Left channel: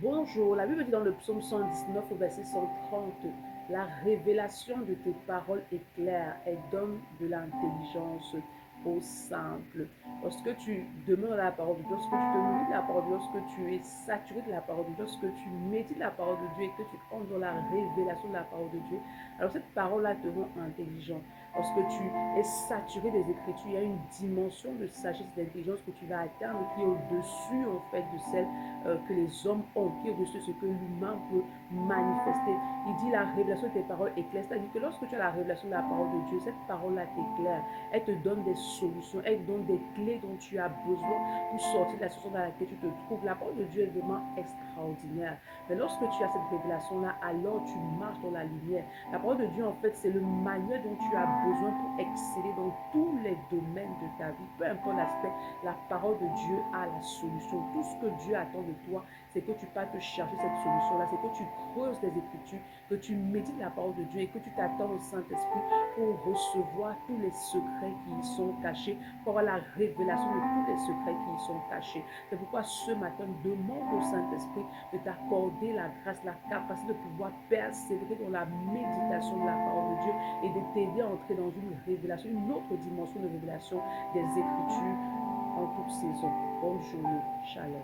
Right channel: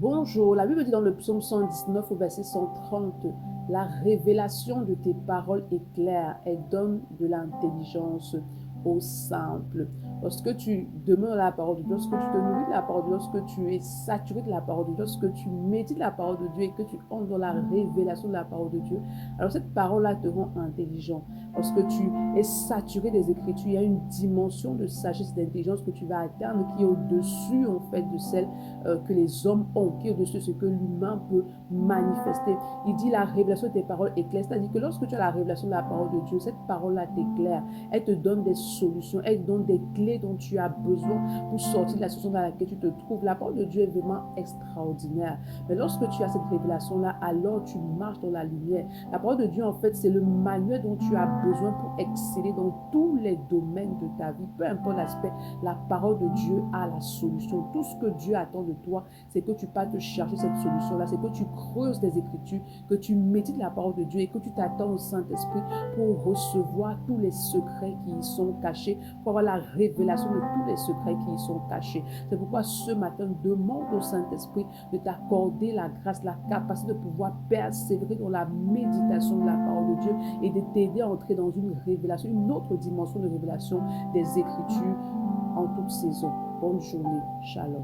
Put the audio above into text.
Bonjour, la Bible dit dans le psaume 119 au verset 130, la révélation de tes paroles est claire et donne de l'intelligence aux simples. Lorsque tu demeures dans la parole de Dieu, lorsque tu te nourris de la parole de Dieu, lorsque tu es saturé de la parole de Dieu, lorsque tu médites la parole de Dieu et que tu entres dans la révélation de la parole de Dieu, alors cette parole-là te rend intelligent. Lorsque tu es saturé des Écritures, il y a une dimension de sagesse et d'intelligence que tu vas atteindre qui est au-dessus en fait de celle que les hommes ont, qui est au-dessus de ce que l'humain peut manifester. Il dit la révélation de tes paroles est claire. C'est-à-dire que lorsque tu as la révélation de la parole de Dieu, cette parole-là t'éclaire. Elle te donne des solutions, elle te donne des clés dont tu as besoin pour sortir de la situation dans laquelle tu te trouves. La parole de Dieu est vraiment extraordinaire. Mais lorsque tu as cette révélation-là, alors tu marches dans la lumière. La parole de Dieu, en fait, c'est le manuel dont tu as besoin pour exceller dans tous les domaines de ta vie. Peu importe l'aspect, la parole de Dieu a la solution. Tout ce que Dieu attend de toi, c'est que tu partes chercher cette solution-là, c'est que tu creuses les Écritures, que tu médites la parole de Dieu et que tu t'attends au Saint-Esprit pour recevoir tous les secrets qui y sont cachés, pour avoir la révélation de tous les secrets qui y sont cachés. C'est pourquoi ce matin, demande au Saint-Esprit de t'accorder la grâce, la capacité de pouvoir persévérer dans la méditation de la parole de Dieu et de t'aider à entrer dans une révélation, une autre dimension de révélation des Écritures en toute saison. Bonne journée. Shalom.